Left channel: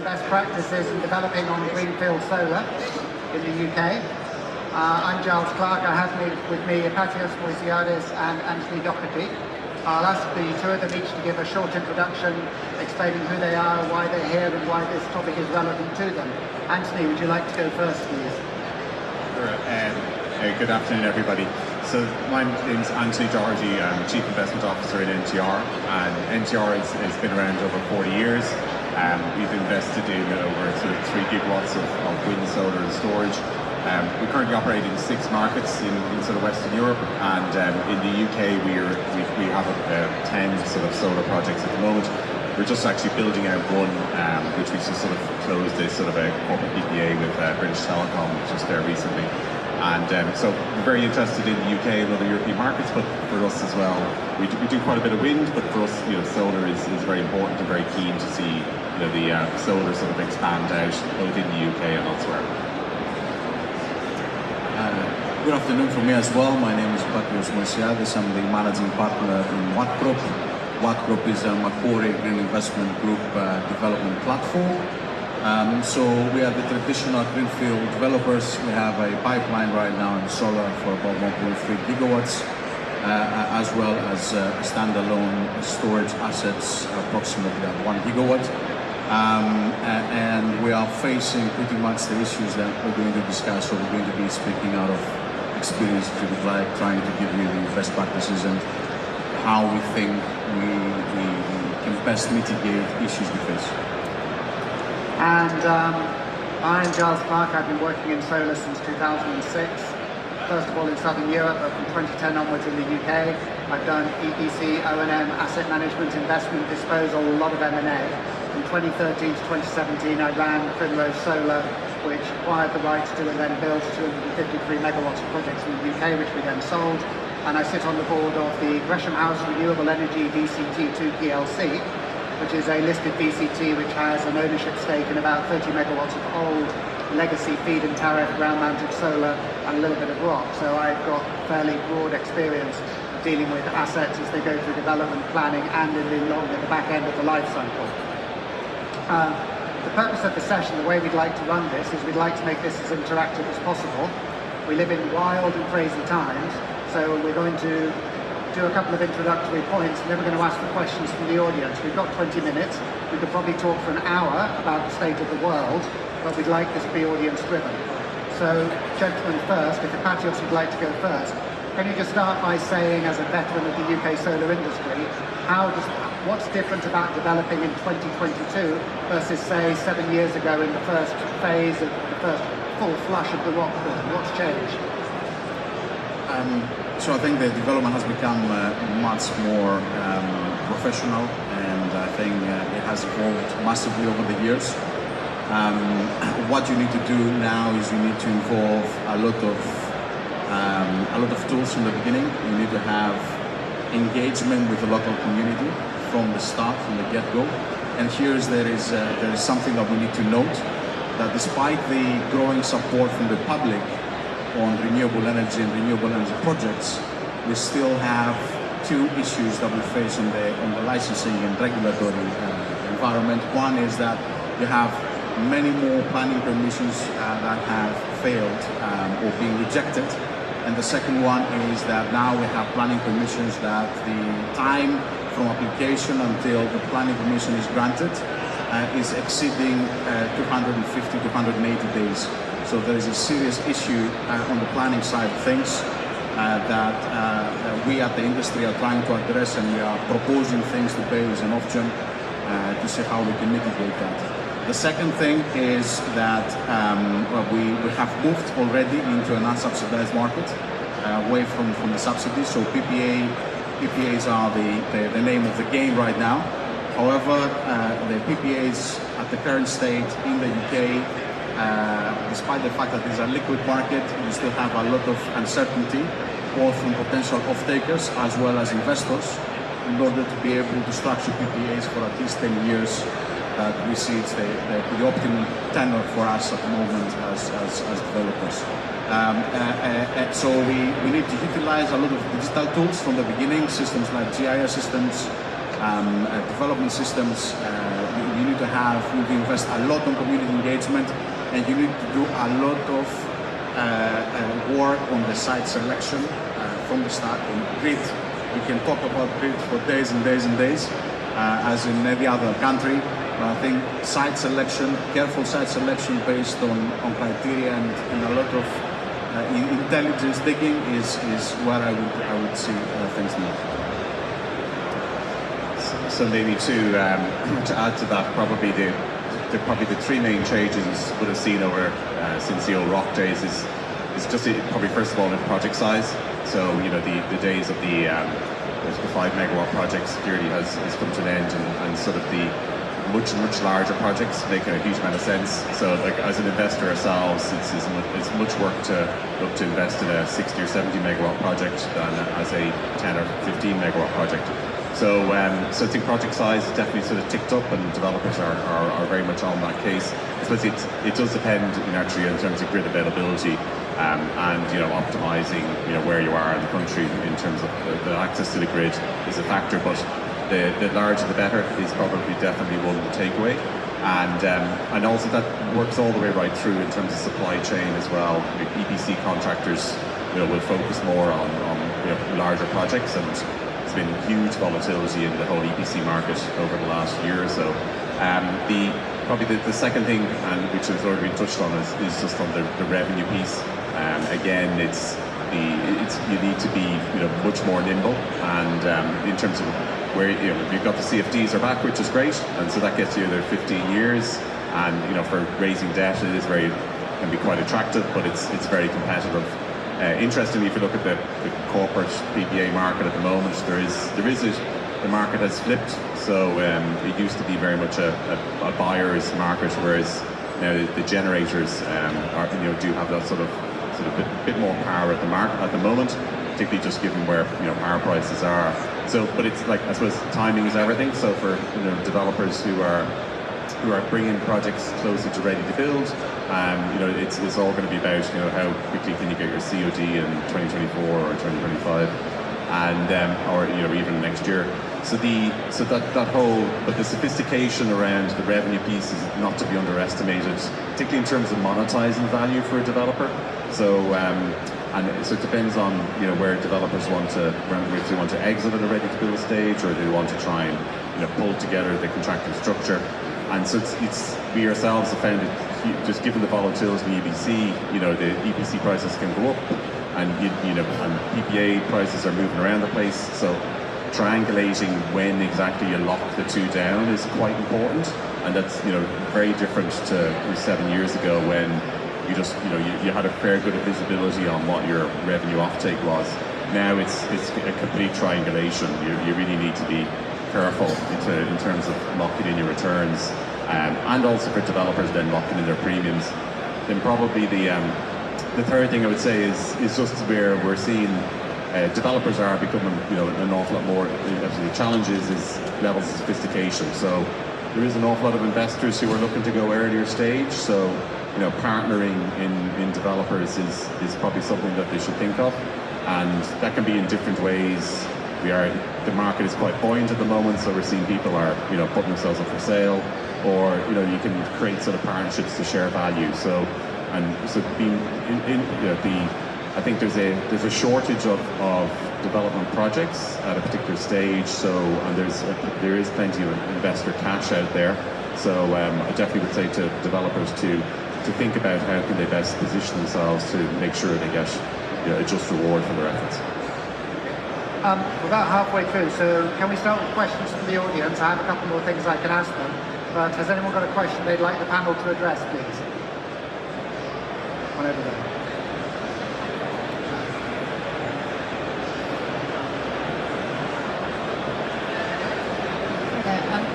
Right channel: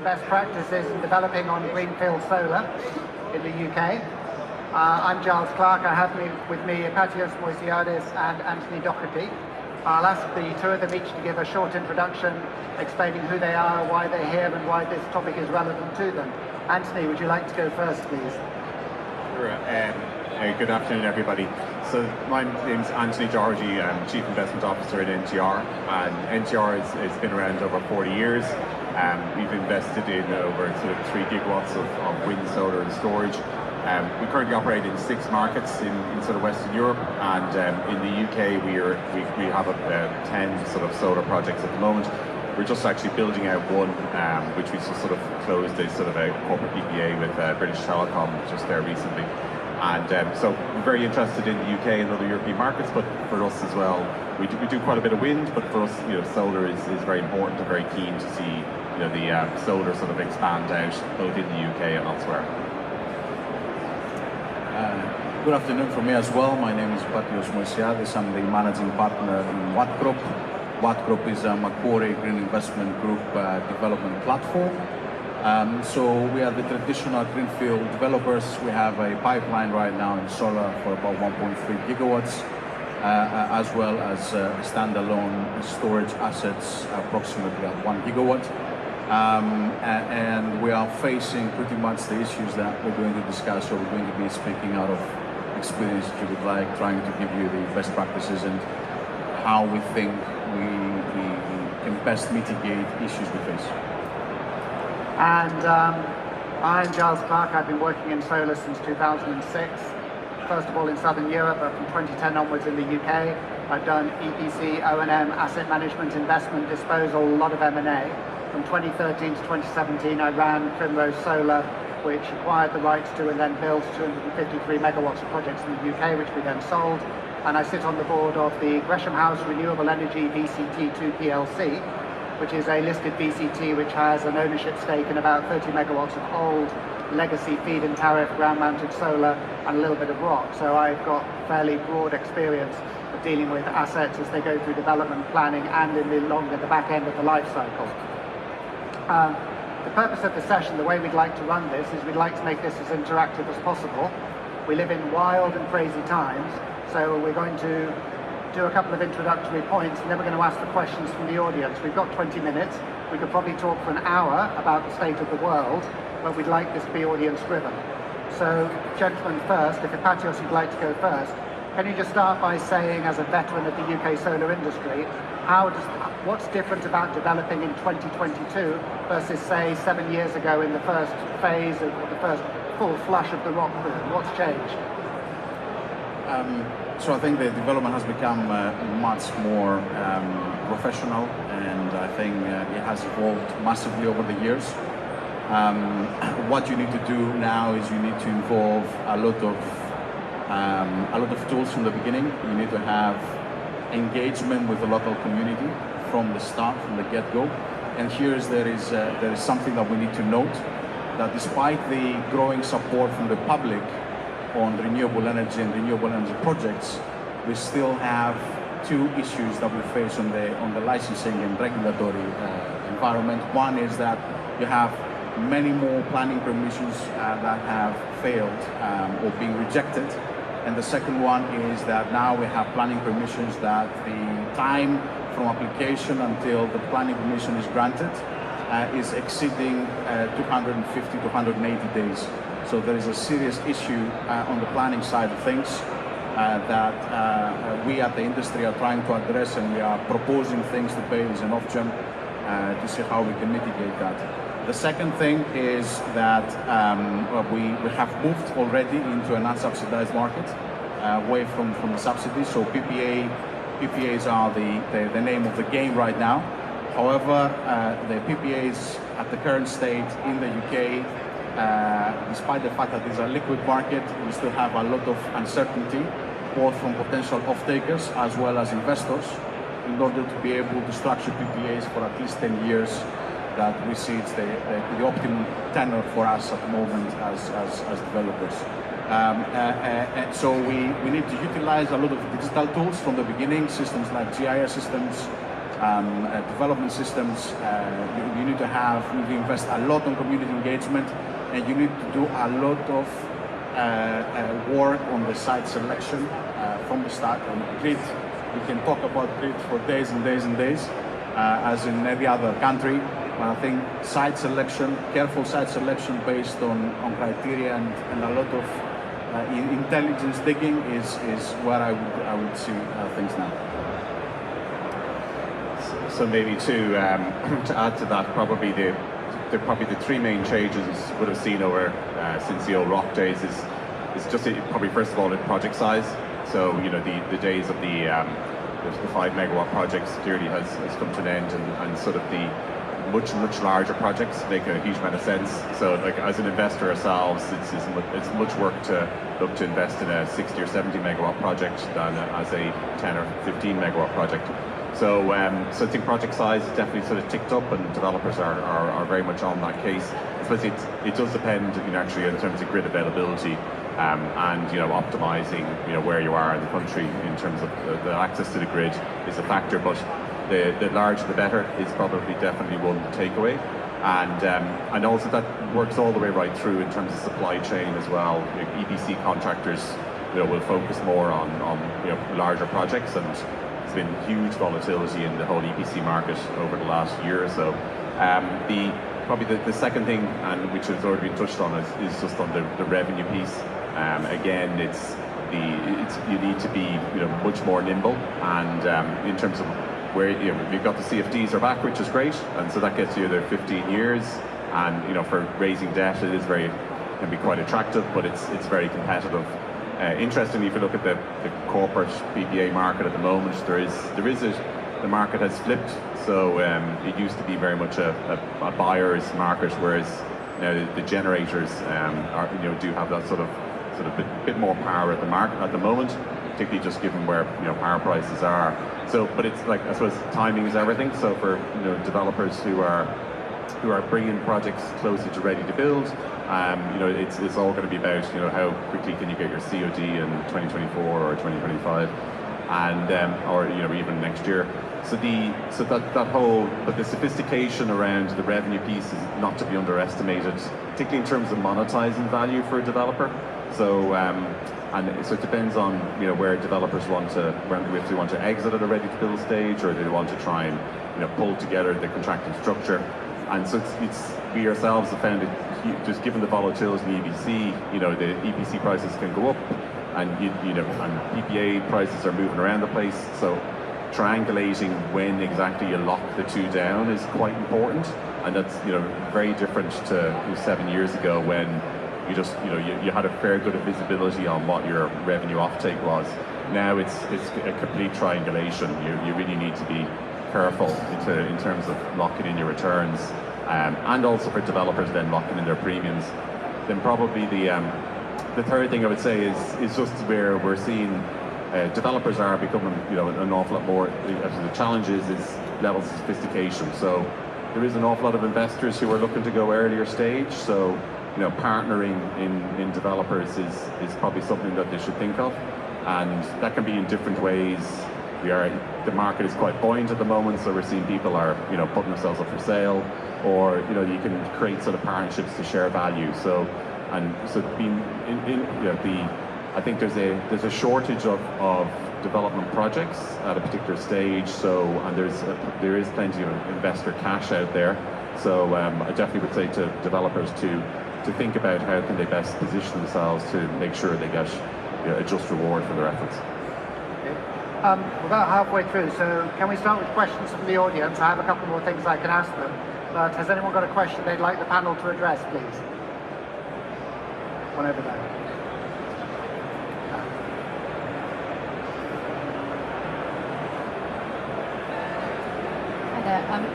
and best practices in developing on Greenfield solar in the UK. I'm Giles Clark. I have with me Ypatios, Moysiadis and Anthony Doherty. I'll ask the two of them each to give a short introduction, explaining who they are, why they're here and why this topic is relevant to them. Anthony, would you like to go first, please? Sure. Good afternoon, everybody. So my name's Anthony Doherty. I'm Chief Investment Officer at NTR, and NTR has been around over 40 years. We've invested in over sort of 3 gigawatts of wind, solar and storage. We currently operate in 6 markets in sort of Western Europe, and in the UK we have 10 sort of solar projects at the moment. We're just actually building out one, which we just sort of closed a sort of a corporate PPA with British Telecom just there recently. And so we're very interested in the UK and other European markets, but for us as well, we do quite a bit of wind, but for us, solar is very important and very keen to see, the solar sort of expand out both in the UK and elsewhere. Good afternoon from me as well. My name is Ypatios Moysiadis. I'm the managing partner in Wattcrop. Wattcrop is a Macquarie Green Investment Group development platform. So we are the traditional Greenfield developers. We have a pipeline right now in solar for about 1.3 gigawatts, as well as standalone storage assets approximately at 1 gigawatt. And we are facing pretty much the issues that we're going to discuss, or we're going to be speaking out of experience to the client, trying to give you the best practices and how we think we can best mitigate issues we face. And I'm Giles Clark. I've been working in solar since 2006. First of all in Southern Europe, but from 2010 onwards in the UK. I've done EPC, O&M, asset management, investment, disposal, a lot of M&A. From 2013 to 2017, I ran Primrose Solar, which acquired the rights to and then built 253 megawatts of projects in the UK, which we then sold. And I sit on the board of the Gresham House Renewable Energy VCT2 PLC, which is a listed VCT which has an ownership stake in about 30 megawatts of old legacy feed and tariff ground-mounted solar and a little bit of rock. So I've got fairly broad experience of dealing with assets as they go through development planning and in the back end of the life cycle. The purpose of the session, the way we'd like to run this, is we'd like to make this as interactive as possible. We live in wild and crazy times, so we're going to do a couple of introductory points, and then we're going to ask for questions from the audience. We've got 20 minutes. We could probably talk for an hour about the state of the world, but we'd like this to be audience-driven. So, gentlemen first, if Ypatios would like to go first, can you just start by saying, as a veteran of the UK solar industry, what's different about developing in 2022 versus, say, 7 years ago in the first phase of the first full flush of the rock pool? What's changed? So I think the development has become much more professional, and I think it has evolved massively over the years. What you need to do now is you need to involve a lot of tools from the beginning. You need to have engagement with the local community from the start, from the get-go. And there is something that we need to note, that despite the growing support from the public on renewable energy and renewable energy projects, we still have 2 issues that we face on the licensing and regulatory environment. One is that you have many more planning permissions that have failed or being rejected. And the second one is that now we have planning permissions that the time from application until the planning permission is granted is exceeding 250 to 180 days. So there is a serious issue on the planning side of things that we at the industry are trying to address, and we are proposing things to pay as an off-jump to see how we can mitigate that. The second thing is that we have moved already into an unsubsidized market, away from the subsidies. So PPAs are the name of the game right now. However, the PPAs at the current state in the UK, despite the fact that it's a liquid market, we still have a lot of uncertainty, both from potential off-takers as well as investors, in order to be able to structure PPAs for at least 10 years. That we see it's the optimum tenor for us at the moment as developers. So we need to utilize a lot of digital tools from the beginning, systems like GIS systems, development systems, You need to invest a lot in community engagement, and you need to do a lot of work on the site selection from the start. On grid, you can talk about grid for days and days and days, as in every other country. But I think site selection, careful site selection based on criteria and a lot of intelligence digging is where I would see things now. So maybe to add to that, probably the three main changes would have seen over since the old rock days is just probably first of all in project size. So the days of the 5 megawatt projects clearly has come to an end, and sort of the much larger projects make a huge amount of sense. So like as an investor ourselves, it's much work to look to invest in a 60 or 70 megawatt project than as a 10 or 15 megawatt project. So I think project size is definitely sort of ticked up, and developers are very much on that case. I suppose it does depend actually in terms of grid availability, and optimizing where you are in the country in terms of the access to the grid is a factor, but the larger the better is probably definitely one takeaway. And also that works all the way right through in terms of supply chain as well. EPC contractors will focus more on larger projects, and there's been huge volatility in the whole EPC market over the last year or so. Probably the second thing, and which has already been touched on, is just on the revenue piece. Again, you need to be much more nimble, and in terms of where you've got the CFDs are back, which is great, and so that gets you there 15 years. And for raising debt, it is can be quite attractive, but it's very competitive. Interestingly, if you look at the corporate PPA market at the moment, the market has flipped. So it used to be very much a buyer's market, whereas now the generators do have that sort of bit more power at the moment, particularly just given where power prices are. So, but it's like, I suppose timing is everything. So for developers who are bringing projects closer to ready to build, it's all going to be about how quickly can you get your COD in 2024 or 2025, and or even next year. So that whole the sophistication around the revenue piece is not to be underestimated, particularly in terms of monetizing value for a developer. So so it depends on where developers want to, if they want to exit at a ready to build stage, or they want to try and pull together the contractual structure. And so we ourselves have found it, just given the volatility in the EPC, the EPC prices can go up, and and PPA prices are moving around the place. So triangulating when exactly you lock the two down is quite important, and that's very different to 7 years ago when you had a fair bit of visibility on what your revenue offtake was. Now it's a complete triangulation. You really need to be careful in terms of locking in your returns, and also for developers then locking in their premiums. Then probably the third thing I would say is just where we're seeing developers are becoming an awful lot more. The challenge is levels of sophistication. So there is an awful lot of investors who are looking to go earlier stage. So partnering in developers is probably something that they should think of, and that can be in different ways. The market is quite buoyant at the moment, so we're seeing people are putting themselves up for sale, or you can create sort of partnerships to share value. So being I think there's a shortage of development projects at a particular stage. So there is plenty of investor cash out there. So I definitely would say to developers to think about how can they best position themselves to make sure they get a just reward for their efforts. We're about halfway through, so can we start with questions from the audience? I have a couple more things I can ask them. But has anyone got a question they'd like the panel to address, please? One over there.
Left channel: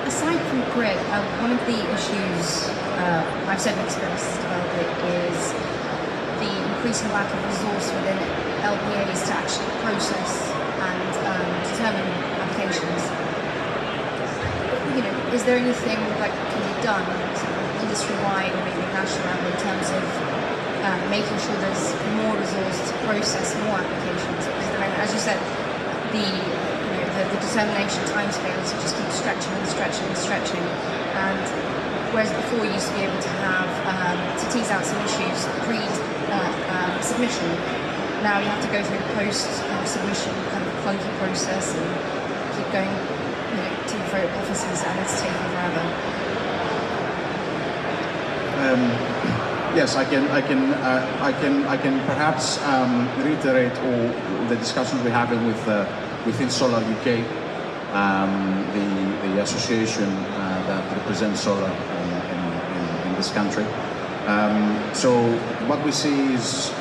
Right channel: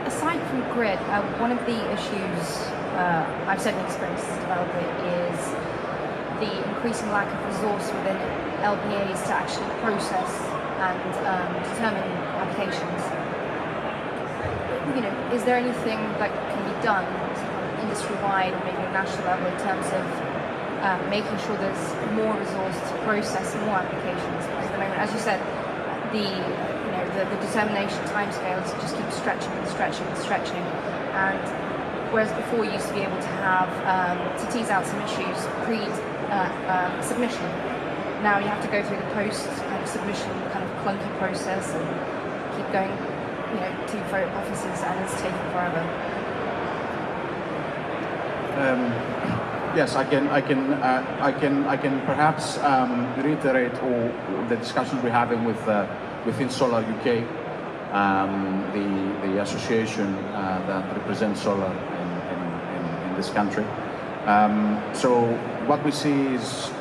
Aside from grid, one of the issues I've certainly experienced as a developer is the increasing lack of resource within LPAs to actually process and determine applications. Is there anything that can be done industry-wide, maybe national level, in terms of making sure there's more resource to process more applications? As you said, the determination timescales just keep stretching and stretching and stretching. And whereas before you used to be able to have to tease out some issues pre-submission, now you have to go through the post-submission kind of clunky process and keep going, to and fro offices, and it's taking forever. Yes, I can perhaps reiterate the discussions we're having within Solar UK, the association that represents solar in this country. So what we see is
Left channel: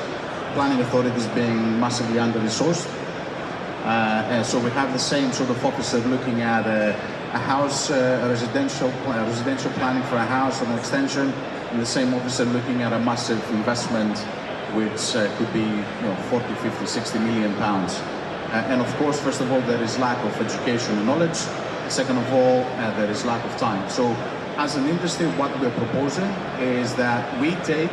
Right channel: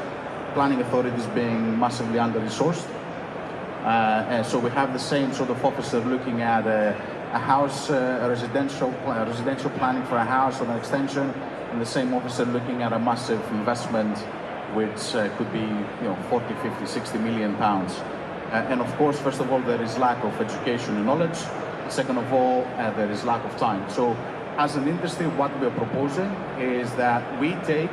planning authorities being massively under-resourced. And so we have the same sort of officer looking at a house, a residential planning for a house, an extension, and the same officer looking at a massive investment which could be 40, 50, 60 million pounds. And of course, first of all, there is lack of education and knowledge. Second of all, there is lack of time. So as an industry, what we're proposing is that we take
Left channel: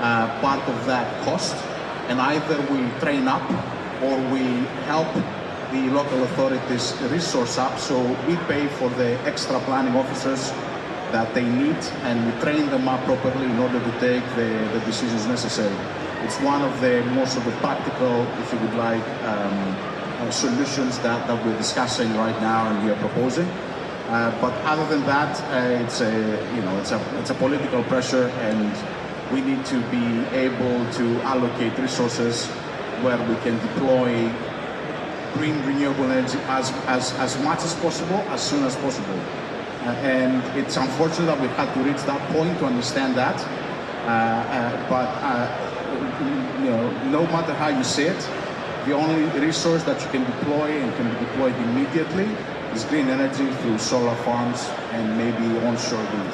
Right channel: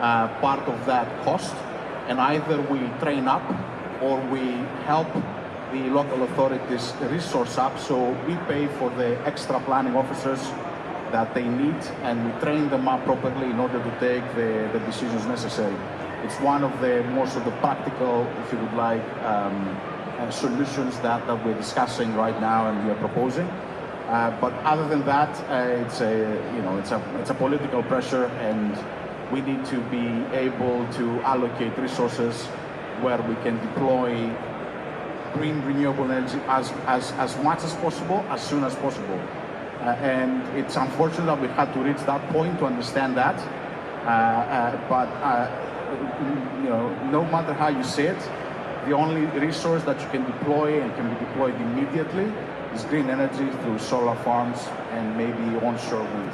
part of that cost, and either we train up or we help the local authorities resource up, so we pay for the extra planning officers that they need, and we train them up properly in order to take the decisions necessary. It's one of the more sort of practical, if you would like, solutions that we're discussing right now and we are proposing. But other than that, it's a political pressure, and we need to be able to allocate resources where we can deploy green renewable energy as much as possible, as soon as possible. And it's unfortunate that we've had to reach that point to understand that. No matter how you say it, the only resource that you can deploy and can be deployed immediately is green energy through solar farms and maybe onshore wind.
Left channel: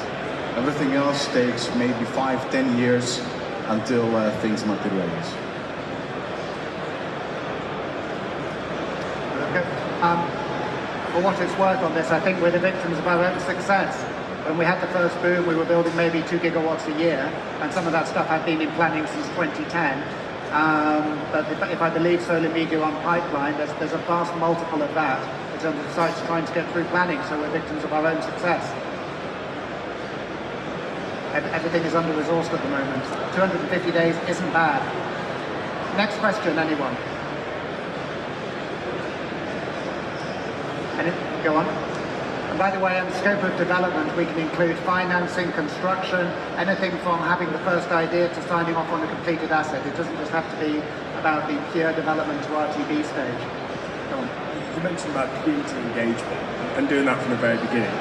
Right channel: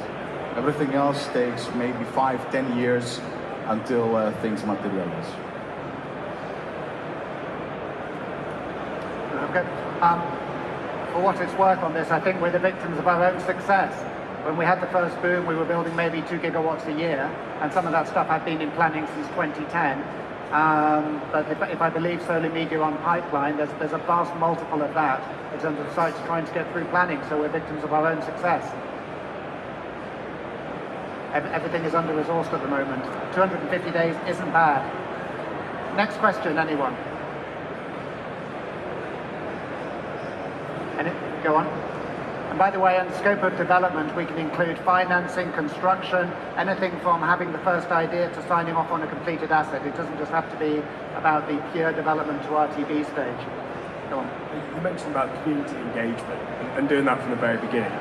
Everything else takes maybe 5-10 years until things materialize. Okay. For what it's worth on this, I think we're the victims of our own success. When we had the first boom, we were building maybe 2 gigawatts a year, and some of that stuff had been in planning since 2010. But if I believe Solar Media on pipeline, there's a vast multiple of that in terms of sites trying to get through planning, so we're victims of our own success. Everything is under-resourced at the moment. 250 days isn't bad. Next question, anyone? Go on. By the way, in the scope of development, we can include financing, construction, anything from having the first idea to signing off on a completed asset. It doesn't just have to be about the pure development to RTB stage. Go on. You mentioned about community engagement and doing that from the very beginning.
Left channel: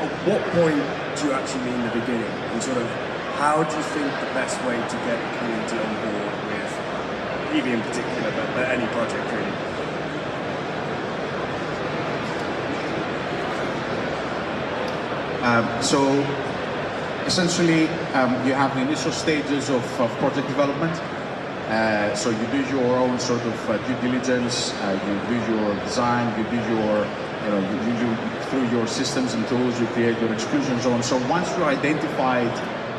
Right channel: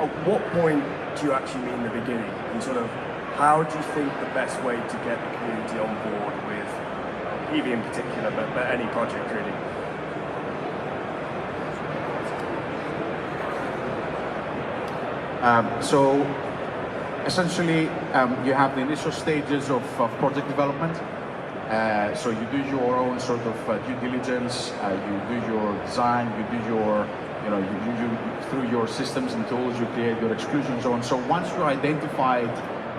At what point do you actually mean the beginning? And sort of, how do you think the best way to get the community on board with EV in particular, but any project really? So essentially, you have the initial stages of project development. So you do your own sort of due diligence, you do your design, you do your, through your systems and tools, you create your execution and so on. So once you identified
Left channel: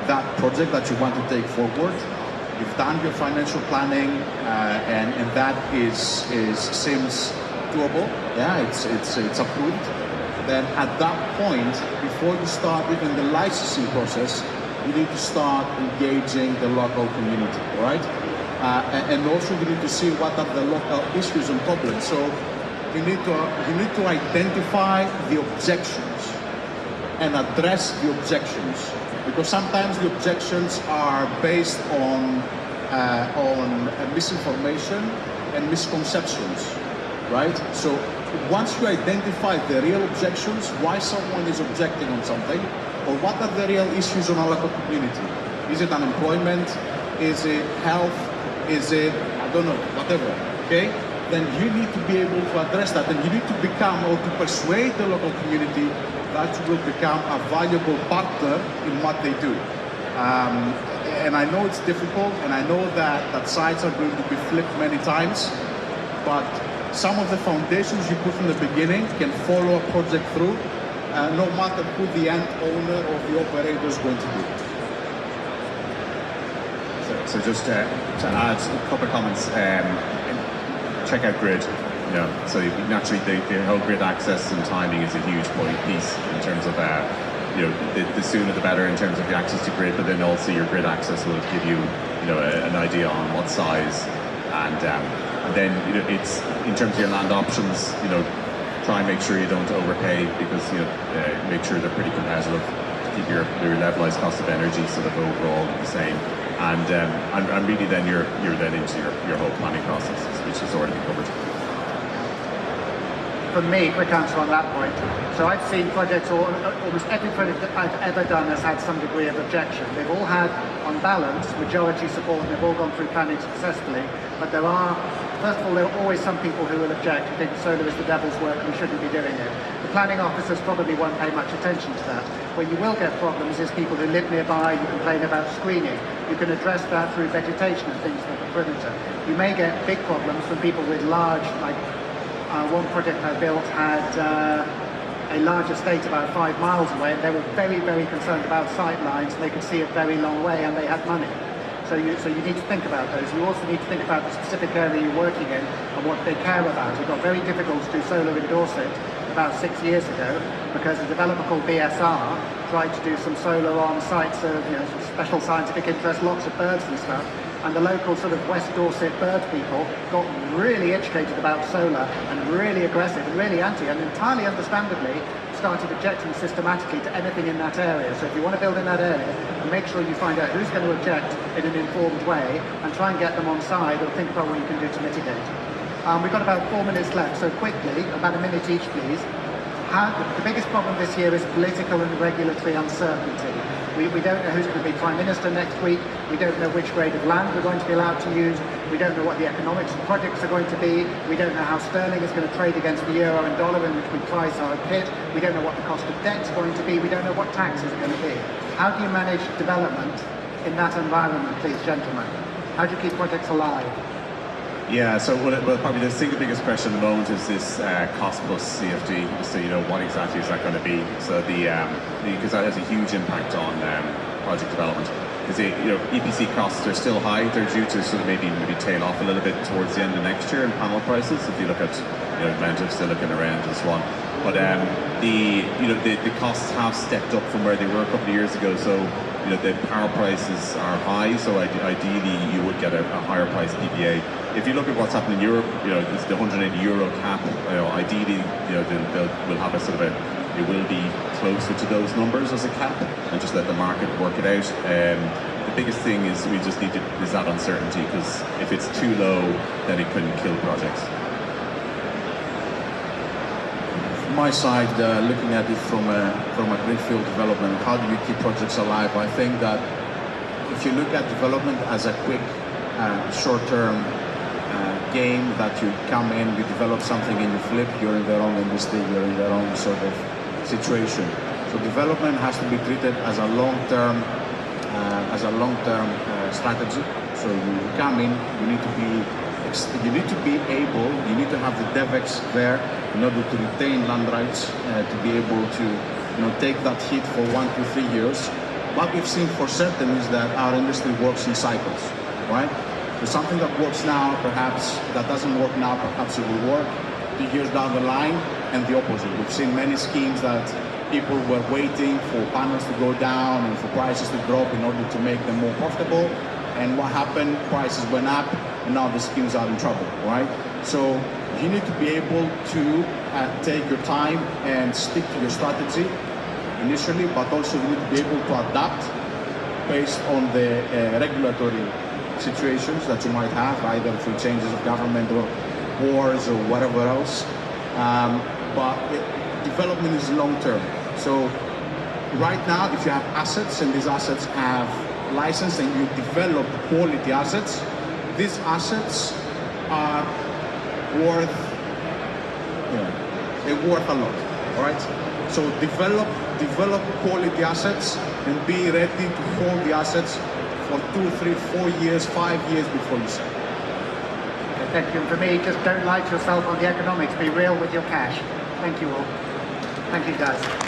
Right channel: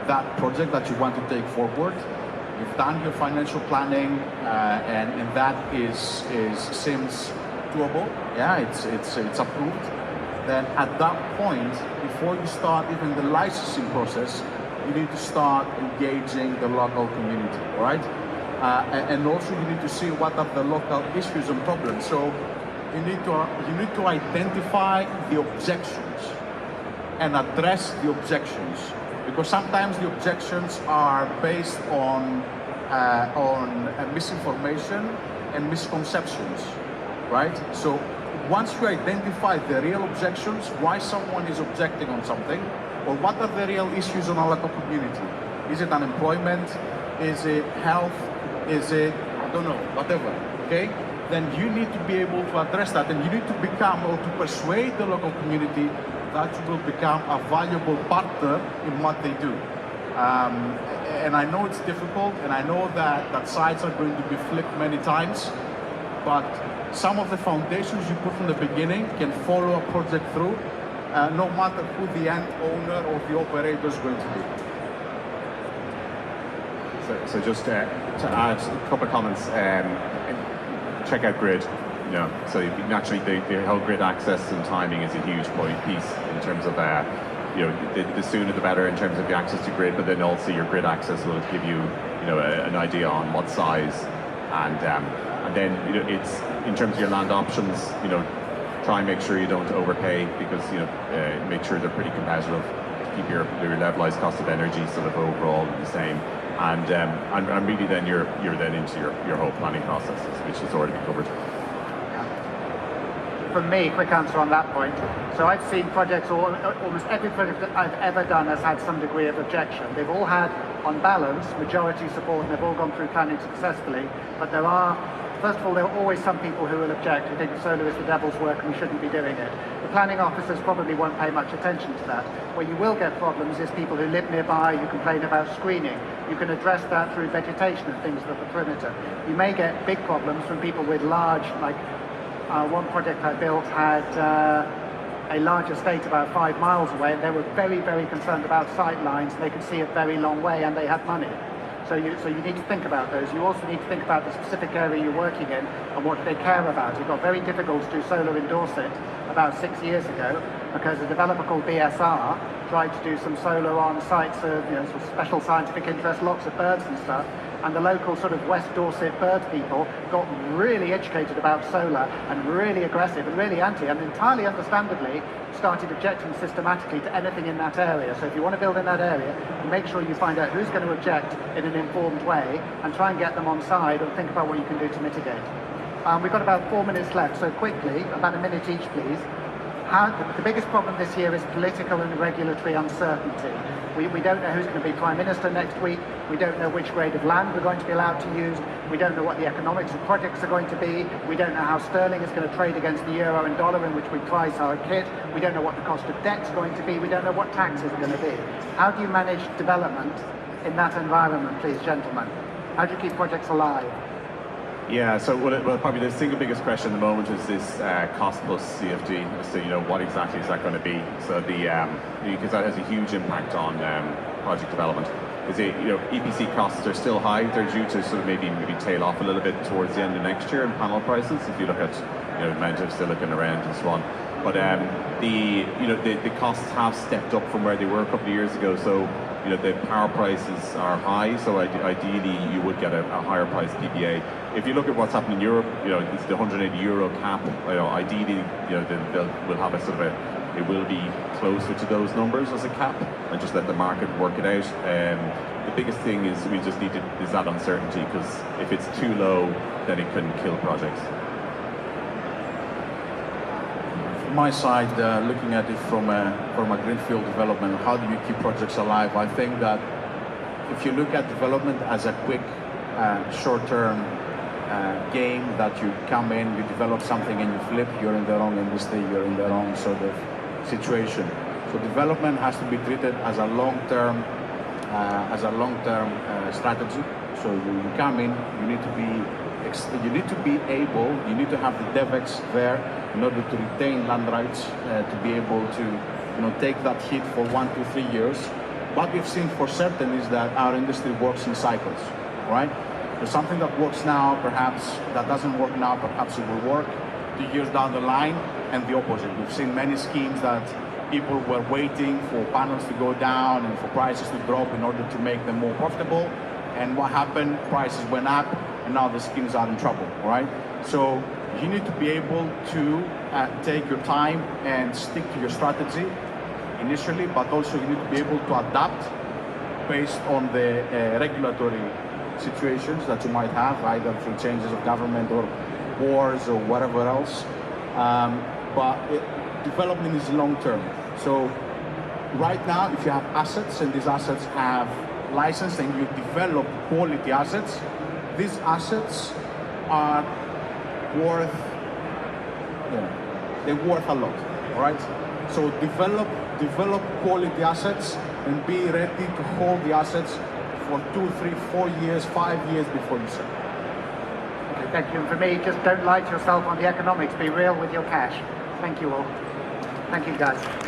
that project that you want to take forward, you've done your financial planning, and that seems doable. Yeah, it's approved. Then at that point, before you start even the licensing process, you need to start engaging the local community, right? And also you need to see what are the local issues and problems. So you need to identify the objections and address the objections, because sometimes the objections are based on misinformation and misconceptions, right? So once you identify the real objections, why someone is objecting on something, or what are the real issues in our local community? Is it unemployment? Is it health? Is it, I don't know, whatever, okay? Then you need to be able to address that, and you need to become, or to persuade the local community that you will become a valuable partner in what they do. And I know it's difficult, and I know that sites are going to be flipped many times, but some of the foundations you put from the beginning can follow a project through, no matter who the end owner or the operator is going to be. So just to add a couple of comments, check out grid. So naturally the whole grid access and timing is a huge piece in terms of the sooner the better in terms of the access to grid, but then also your grid access will give you, an idea on what size, and then it's in terms of your land options, try and make sure you don't overpay, because make sure they're pretty competitive to keep your levelized cost of energy sort of overall the same, and really then you're then into your whole planning processes, which is already covered. For me, quick answer on that point. So I've seen projects, or almost every project that I've ever done has had some degree of objection. They've all had, on balance, majority support, and they've all gone through planning successfully. But there are, first of all, there are always some people who will object, who think solar is the devil's work and we shouldn't be doing it. The planning officers probably won't pay much attention to that. Where you will get problems is people who live nearby, who complain about screening. You can address that through vegetation and things that the perimeter. You may get big problems from people with large, like, one project I built had a large estate about 5 miles away, and they were very, very concerned about sight lines, and they could see a very long way, and they had money. So you need to think about those. You also need to think about the specific area you're working in and what they care about. It got very difficult to do solar in Dorset about 6 years ago because a developer called BSR tried to do some solar on sites of sort of special scientific interest, lots of birds and stuff. And the local sort of West Dorset bird people got really educated about solar and really aggressive and really anti, and entirely understandably started objecting systematically to anything in that area. So if you want to build in that area, make sure you find out who's going to object in an informed way and try and get them on side and think about what you can do to mitigate. We've got about 4 minutes left, so quickly, about a minute each please. The biggest problem this year is political and regulatory uncertainty. We don't know who's going to be Prime Minister next week. We don't know which grade of land we're going to be allowed to use. We don't know what the economics of projects are going to be. We don't know how sterling is going to trade against the euro and dollar in which we price our kit. We don't know what the cost of debt is going to be. We don't know what taxes are going to be. How do you manage development in that environment, please, gentlemen? How do you keep projects alive? Yeah, so well, probably the single biggest question at the moment is this cost plus CFD. So what exactly is that going to be? So because that has a huge impact on project development. Because EPC costs are still high. They're due to sort of maybe tail off a little bit towards the end of next year in panel prices. If you look at amount of silicon around and so on. But the costs have stepped up from where they were a couple of years ago. So the power prices are high. So ideally you would get a higher price PPA. If you look at what's happening in Europe, it's the €180 cap. Ideally, we'll have a sort of it will be closer to those numbers as a cap, and just let the market work it out. The biggest thing is we just need is that uncertainty, because if it's too low, then it can kill projects. From my side, looking at it from a greenfield development, how do you keep projects alive? I think that if you look at development as a quick, short-term game that you come in, you develop something and you flip, you're in the wrong industry, you're in the wrong sort of situation. So development has to be treated as a long-term strategy. So you come in, you need to have the DevEx there in order to retain land rights, to be able to take that hit for 1 to 3 years. What we've seen for certain is that our industry works in cycles, right? So something that works now, perhaps that doesn't work now, perhaps it will work 2 years down the line, and the opposite. We've seen many schemes that people were waiting for panels to go down and for prices to drop in order to make them more profitable. And what happened? Prices went up, and now the schemes are in trouble, right? So you need to be able to take your time and stick to your strategy initially, but also you need to be able to adapt based on the regulatory situations that you might have, either through changes of government or wars or whatever else. But development is long term. So right now, if you have assets and these assets have license and you develop quality assets, these assets are worth a lot. All right. So develop quality assets and be ready to hold the assets for 2, 3, 4 years, 5 years before you sell. Thank you. And for me, just don't lie to yourself on the economics. Be real with your cash. Thank you all. Thank you, guys.